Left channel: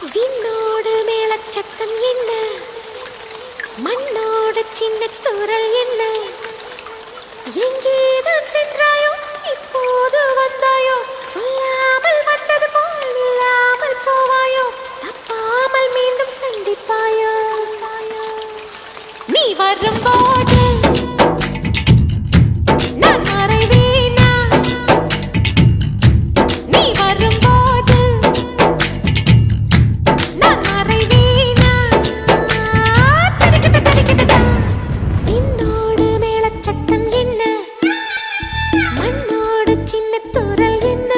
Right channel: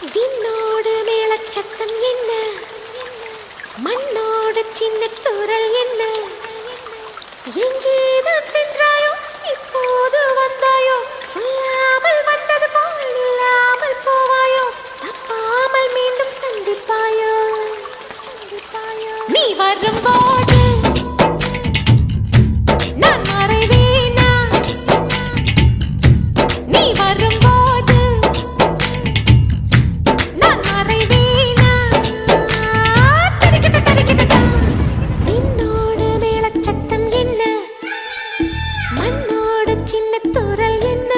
விண்ணோடு மேளச்சத்தம் என்ன, மண்ணோடு சின்ன தூரல் என்ன, எங்கேதான் சென்றாயோ இப்போது வந்தாயோ, சொல்லாமல் வந்தது போல் இல்லாமல் போவாயோ, தப்பாமல் மீண்டும் சந்திப்பாயோ. நீ வரும்போது நான் மறைவேனா, நீ வரும்போது நான் மறைவேனா, தரிக்கிட்ட தரிக்கிட்டதா. விண்ணோடு மேளச்சத்தம் என்ன, மண்ணோடு சின்ன தூரல் என்ன.